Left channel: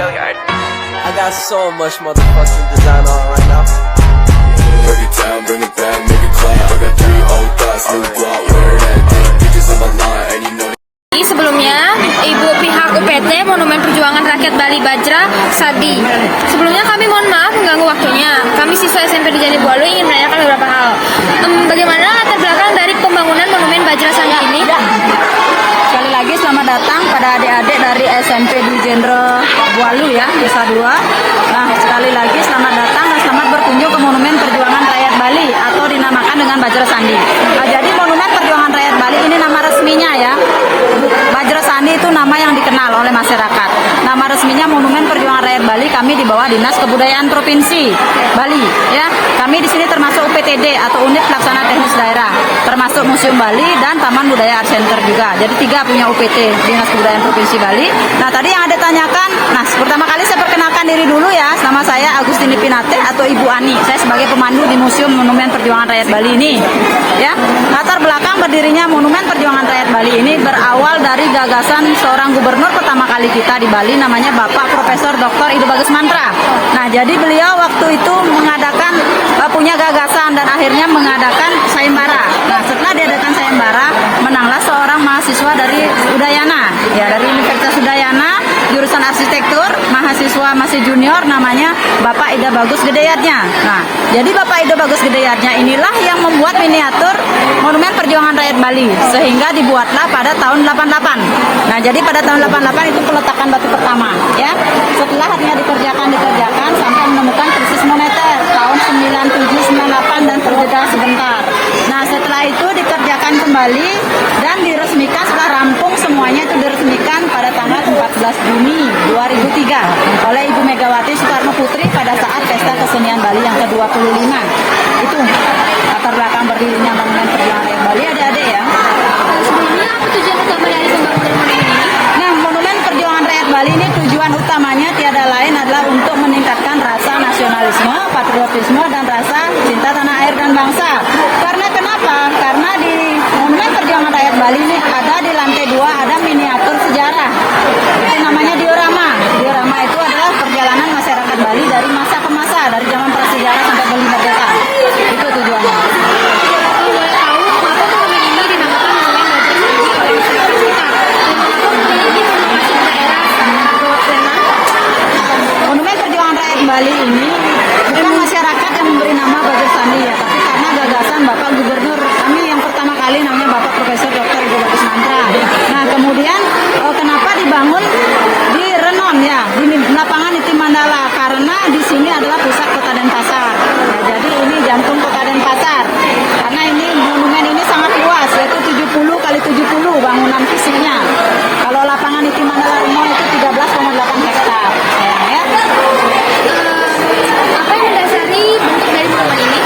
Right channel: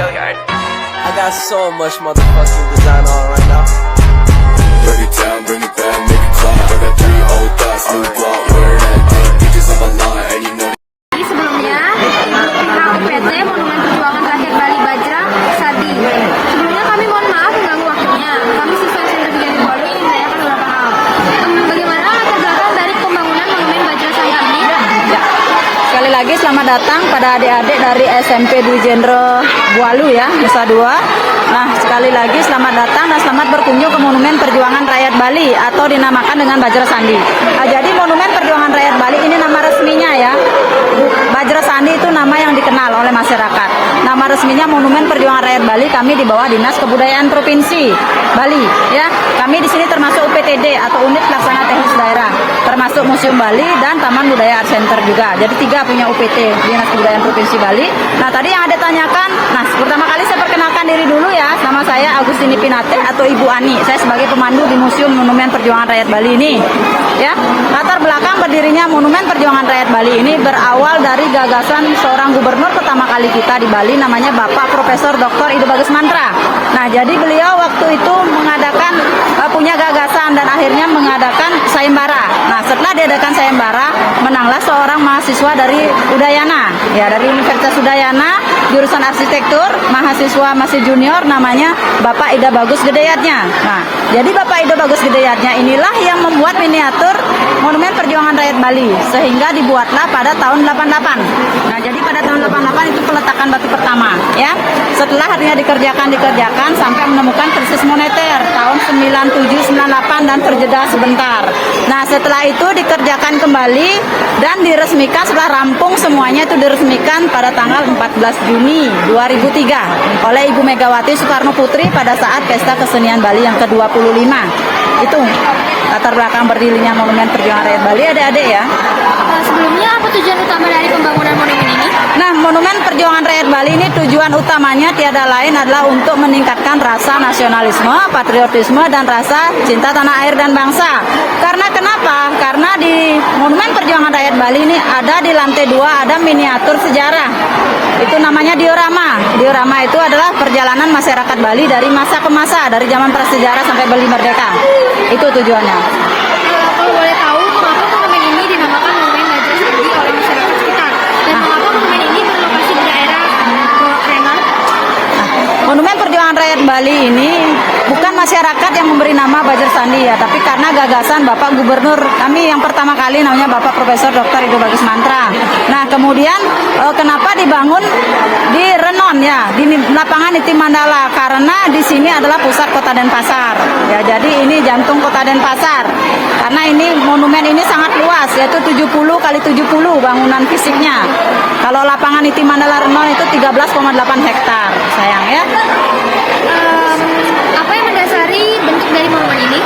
I got so much motherfucking design on right now. Break it down, bring it back, make it clap. I got 3 old thoughts, new guap, wear that thing. Bitches on my line, and you know. Sebelumnya, Ibu pihak UPT Monumen Perjuangan Rakyat Bali Bajra Sadi. Sebelumnya kami mohon maaf mengganggu waktunya. Kami siswa SMP di Jati Bwalu ingin menanyakan beberapa hal. Bagaimana latar belakang dari pembangunan Monumen Bajra Sadi ini? Sekali lagi selamat datang pada adik-adik dari SMP di Jenderal Bwalu ya, Nusa Dua. Nah, sekali lagi selamat datang dan selamat berkunjung ke Monumen Perjuangan Rakyat Bali atau dinamakan dengan Bajra Sandi. Nah, jadi Monumen Perjuangan Rakyat Bali ini nama resminya ya. Bajra Sandi itu nama yang dikenal oleh masyarakat. Nama resminya Monumen Perjuangan Rakyat Bali, kami di bawah Dinas Kebudayaan Provinsi Bali ya. Kami di sini termasuk UPTD atau Unit Pelaksana Teknis Daerah, termasuk Museum Bali dan Taman Budaya Art Center juga. Jadi 3 punya UPT, Dinas Kebudayaan Provinsi Bali. Nah, tadi yang ada tanyakan, nah pertama kali saya perkenalkan diri dulu ya. Nama saya Agustini Pinate atau Ibu Ani. Saya sebagai pemandu di Museum Monumen Perjuangan Rakyat Bali ini. Ya, latar belakang berdirinya Monumen Perjuangan Rakyat Bali ini berawal dari gagasan seorang gubernur pertama kali kita di Bali, namanya Bapak Profesor Dr. Ido Bagus Mantra. Nah, jadi beliau waktu itu mengadakan punya gagasan dan akhirnya mengadakan sayembara. Nah, setelah diadakan sayembara, menanglah seorang mahasiswa dari Udayana, ya dari Universitas Udayana, jurusan arsitektur, mahasiswa masih junior, namanya Bapak Ida Bagus Gedeyatnya. Nah, jadi Bapak Ida Bagus Gedeyatnya inilah yang membuat miniatur Monumen Perjuangan Rakyat Bali, sehingga dibuatlah pada tahun 88. Nah, jadi pada tahun 88 itu peletakan batu pertama, ya. Setelah akhirnya dikerjakan sampai menemukan krisis moneter tahun 97-98 dan terjeda sebentar. Nah, setelah itu dikerjakan kembali dan diresmikan setelah rampung semuanya itu diresmikan pada tanggal 14 Juni 2003 oleh Ibu Megawati Soekarno Putri pada saat Pesta Kesenian Bali yang ke-25. Itu latar belakang berdirinya Monumen Perjuangan Rakyat Bali, adik-adik ya. Sebelumnya apa tujuan utama dari pembangunan monumen ini? Nah, Monumen Perjuangan Rakyat Bali ini tujuan utamanya tiada lain adalah untuk meningkatkan rasa nasionalisme, patriotisme, dan rasa cinta tanah air dan bangsa. Karena kenapa? Karena di Monumen Perjuangan Rakyat Bali ini ada di lantai 2 ada miniatur sejarah. Itu namanya diorama. Diorama itu adalah perjalanan masyarakat Bali dari masa ke masa, dari zaman prasejarah sampai Bali merdeka. Itu tujuannya. Kalau boleh tahu, kenapa monumen ini dinamakan Monumen Bajra Sadi oleh masyarakat sekitar? Dan kenapa monumen ini berlokasi di daerah Renang? Monumen Perjuangan Rakyat Bali ini bukan masyarakat yang memberi nama Bajra Sandi ya, tapi karena gagasan Bapak Gubernur kami yang pertama kali namanya Bapak Profesor Dr. Ido Bagus Mantra. Nah, kemudian kenapa dibangun di Renon ya, di lapangan Niti Mandala? Karena di sini adalah pusat Kota Denpasar. Ya, jadi ini jantung Kota Denpasar. Karena ini monumen ini sangat luas, yaitu 70 kali 70 bangunan fisiknya. Kalau lapangan Niti Mandala Renon itu 13,8 hektar. Sayang ya. Apa yang mendasari bentuk dari monumen ini?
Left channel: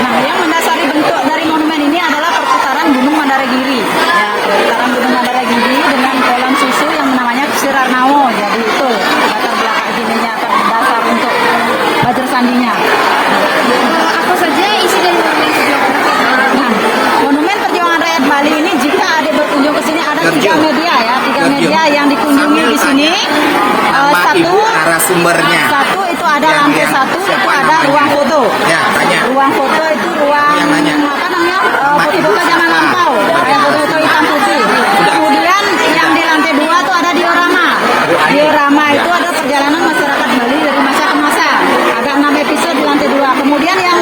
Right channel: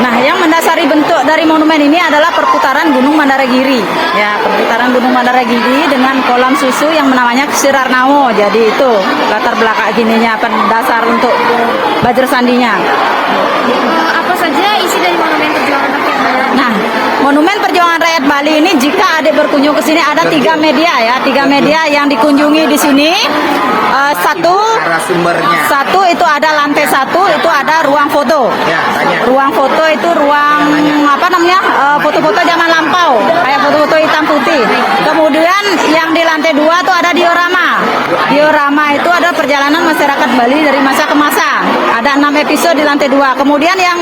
Nah, yang mendasari bentuk dari monumen ini adalah perputaran Gunung Mandaragiri. Ya, perputaran Gunung Mandaragiri dengan kolam susu yang namanya Sirarnamu. Jadi itu latar belakang ininya, dasar untuk Bajra Sandinya. Apa saja isi dari monumen perjuangan rakyat? Nah, Monumen Perjuangan Rakyat Bali ini jika adik berkunjung ke sini ada 3 media ya, 3 media yang dikunjungi di sini. Satu itu ada lantai 1 itu ada ruang foto. Ruang foto itu ruang apa namanya? Foto-foto zaman lampau, kayak foto-foto hitam putih. Kemudian yang di lantai 2 itu ada diorama. Diorama itu ada perjalanan masyarakat Bali dari masa ke masa. Ada 6 episode di lantai 2. Kemudian yang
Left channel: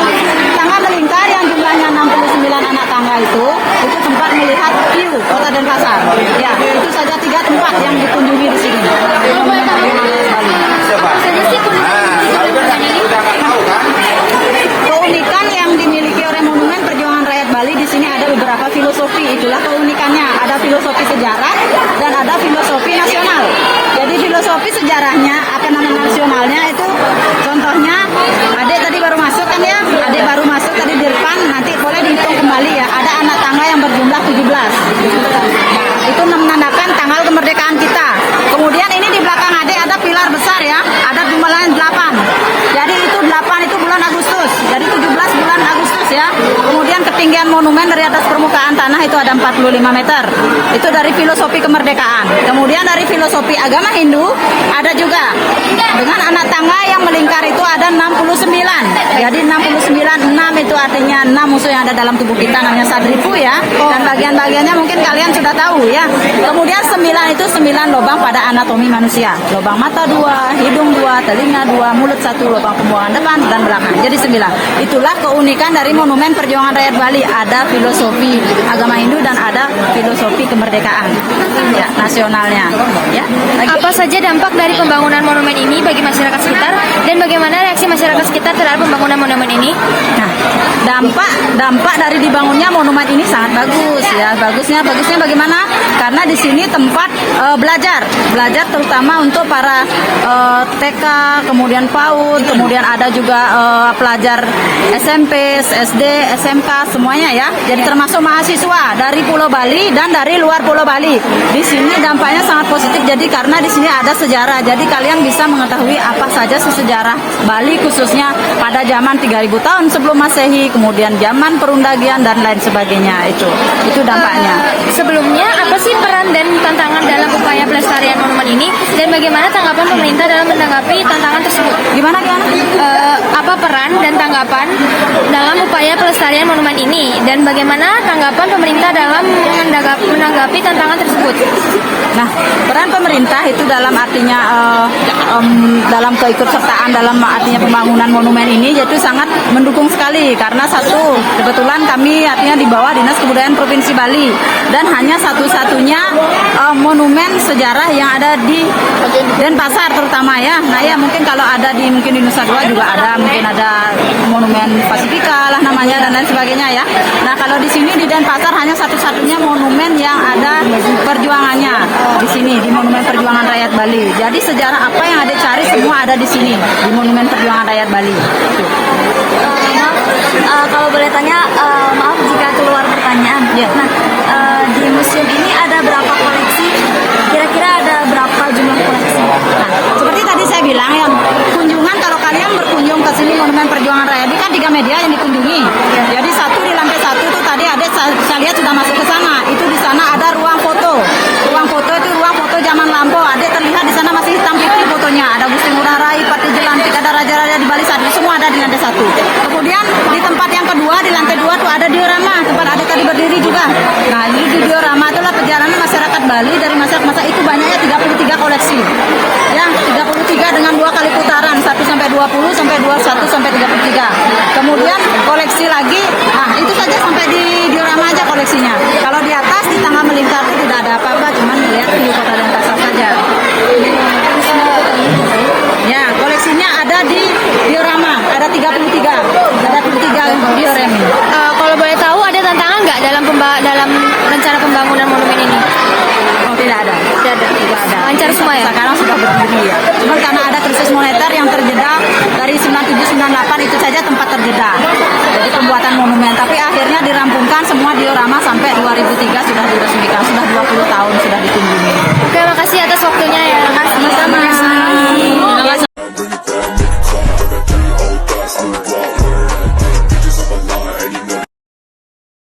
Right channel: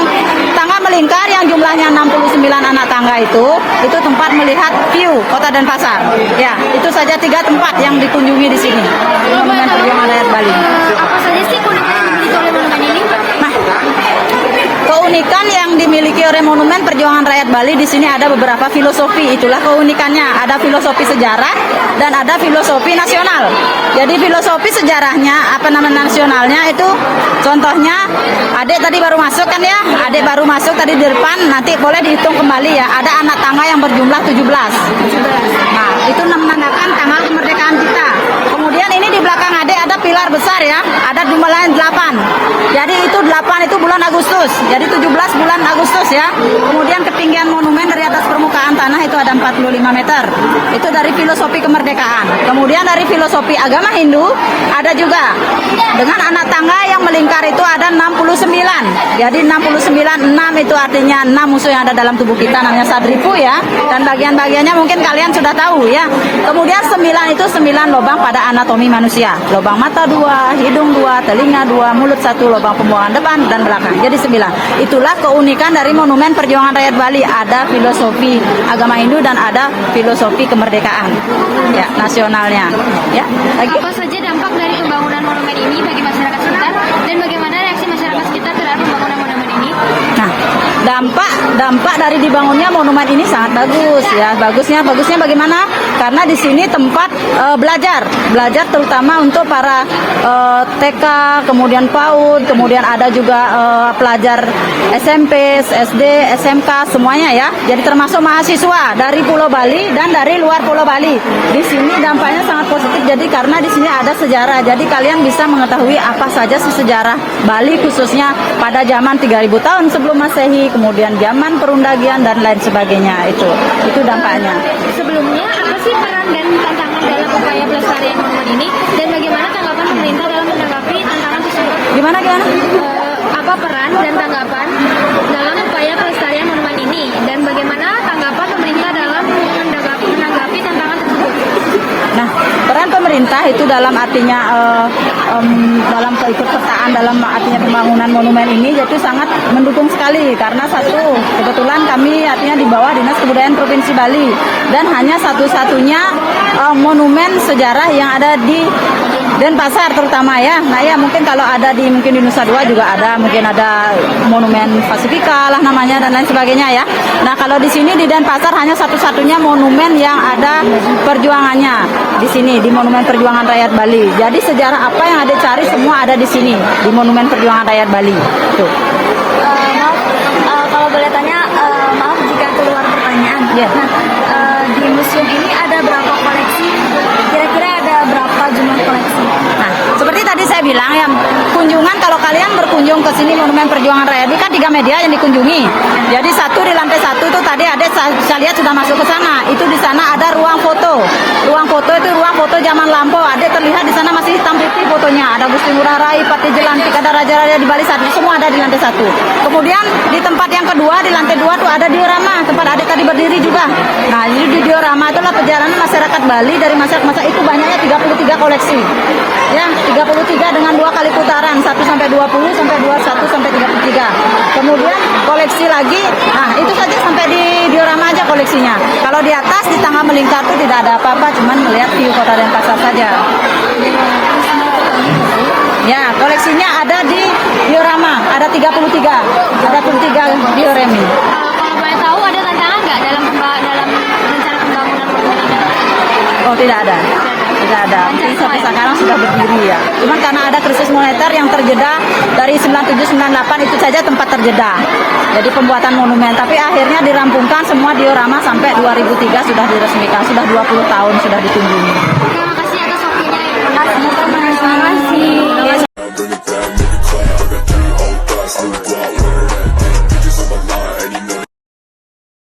tangga melingkar yang jumlahnya 69 anak tangga itu tempat melihat view Kota Denpasar. Ya, itu saja 3 tempat yang dikunjungi di sini. Monumen Perjuangan Rakyat Bali. Apa saja sih 45 meter. Itu dari filosofi kemerdekaan. Kemudian dari filosofi agama Hindu ada juga dengan anak tangga yang melingkar itu ada 69. Jadi 69, 6 itu artinya 6 musuh yang ada dalam tubuh kita, namanya sadripu ya. Dan bagian-bagiannya mungkin kalian sudah tahu ya. Kemudian 9 itu 9 lubang pada anatomi manusia. Lubang mata 2, hidung 2, telinga 2, mulut 1, lubang pembuangan depan dan belakang. Jadi 9. Itulah keunikan dari Monumen Perjuangan Rakyat Bali. Ada filosofi agama Hindu dan ada filosofi kemerdekaan ya, nasionalnya. Ya. Apa saja dampak dari pembangunan monumen ini bagi masyarakat sekitar dan bagaimana reaksi masyarakat sekitar terhadap pembangunan monumen ini? Nah, dampak dari dibangunnya monumen ini sangat bagus ya. Bagusnya bagaimana? Karena di sini tempat belajar terutama untuk para TK, kemudian PAUD, kemudian ada juga pelajar SMP, SD, SMK semuanya ya. Jadi termasuk mahasiswa dari Pulau Bali dan dari luar Pulau Bali. Di sini dampaknya sangat positif. Jadi karena di sini ada sejarah, jadi kalian bisa mengetahui apa saja sih sejarah Bali khususnya pada zaman 3000 tahun sebelum Masehi, kemudian zaman perundagian dan lain sebagainya. Itu dampaknya. Sebelumnya, apa sih peran dan tantangan dalam upaya pelestarian monumen ini dan bagaimana tanggapan pemerintah dalam menanggapi tantangan tersebut? Gimana? Apa peran dan tanggapan dalam upaya pelestarian monumen ini dan bagaimana tanggapan pemerintah dalam menanggapi tantangan tersebut? Nah, peran pemerintah itu dalam artinya dalam keikutsertaan dalam artinya pembangunan monumen ini yaitu sangat mendukung sekali karena satu, kebetulan kami artinya di bawah Dinas Kebudayaan Provinsi Bali dan hanya satu-satunya monumen sejarah yang ada di Denpasar terutama ya. Nah ya mungkin kalau ada di Nusa Dua juga ada, mungkin ada monumen Pasifika lah namanya dan lain sebagainya ya. Nah kalau di sini di Denpasar hanya satu-satunya monumen yang ada perjuangannya di sini di Monumen Perjuangan Rakyat Bali. Jadi sejarah apa yang ada cari semua ada di sini di Monumen Perjuangan Rakyat Bali. Maaf, kalau boleh tanya, maaf jika keluar pertanyaan. Ya. Nah, di museum ini ada berapa koleksi? Kira-kira ada berapa jumlah koleksi? Nah, seperti tadi saya bilang ya, kunjungan kalau kalian berkunjung ke sini Monumen Perjuangan Rakyat Bali kan 3 media yang dikunjungi. Jadi satu di lantai 1 itu tadi ada saya lihat sudah masuk ke sana. Itu di sana ada ruang foto. Ruang foto itu ruang foto zaman lampau. Ada terlihat di sana masih hitam putih fotonya. Ada Gusti Ngurah Rai, Pati Jelantik, ada raja-raja di Bali satu, semua ada di lantai 1. Kemudian di tempat yang kedua di lantai 2 tuh ada diorama, tempat ada tadi berdiri juga. Nah, ini di diorama itulah perjalanan masyarakat Bali dari masa itu banyaknya 33 koleksi. Ya, 33 dengan 2 kali putaran, 1 sampai 20 sampai 21 sampai 33. Kemudian koleksi lagi, nah itu saja sampai di diorama aja koleksinya. Kalau di atas di tengah melingkar itu tidak ada apa-apa, cuman lihat view kota Denpasar saja. Ya, koleksinya ada di diorama, ada 33 diorama. Kalau boleh tahu ada tantangan nggak dalam rencana pembangunan monumen ini? Oh, tidak ada. Lancar semua ya? Sekarang sudah berdiri ya. Cuman karena ada krisis moneter yang terjeda dari 97-98 itu saja tempat terjeda. Jadi pembuatan monumen, tapi akhirnya dirampungkan semua diorama sampai 2003 sudah diresmikan, sudah 20 tahun sudah dikunjungi.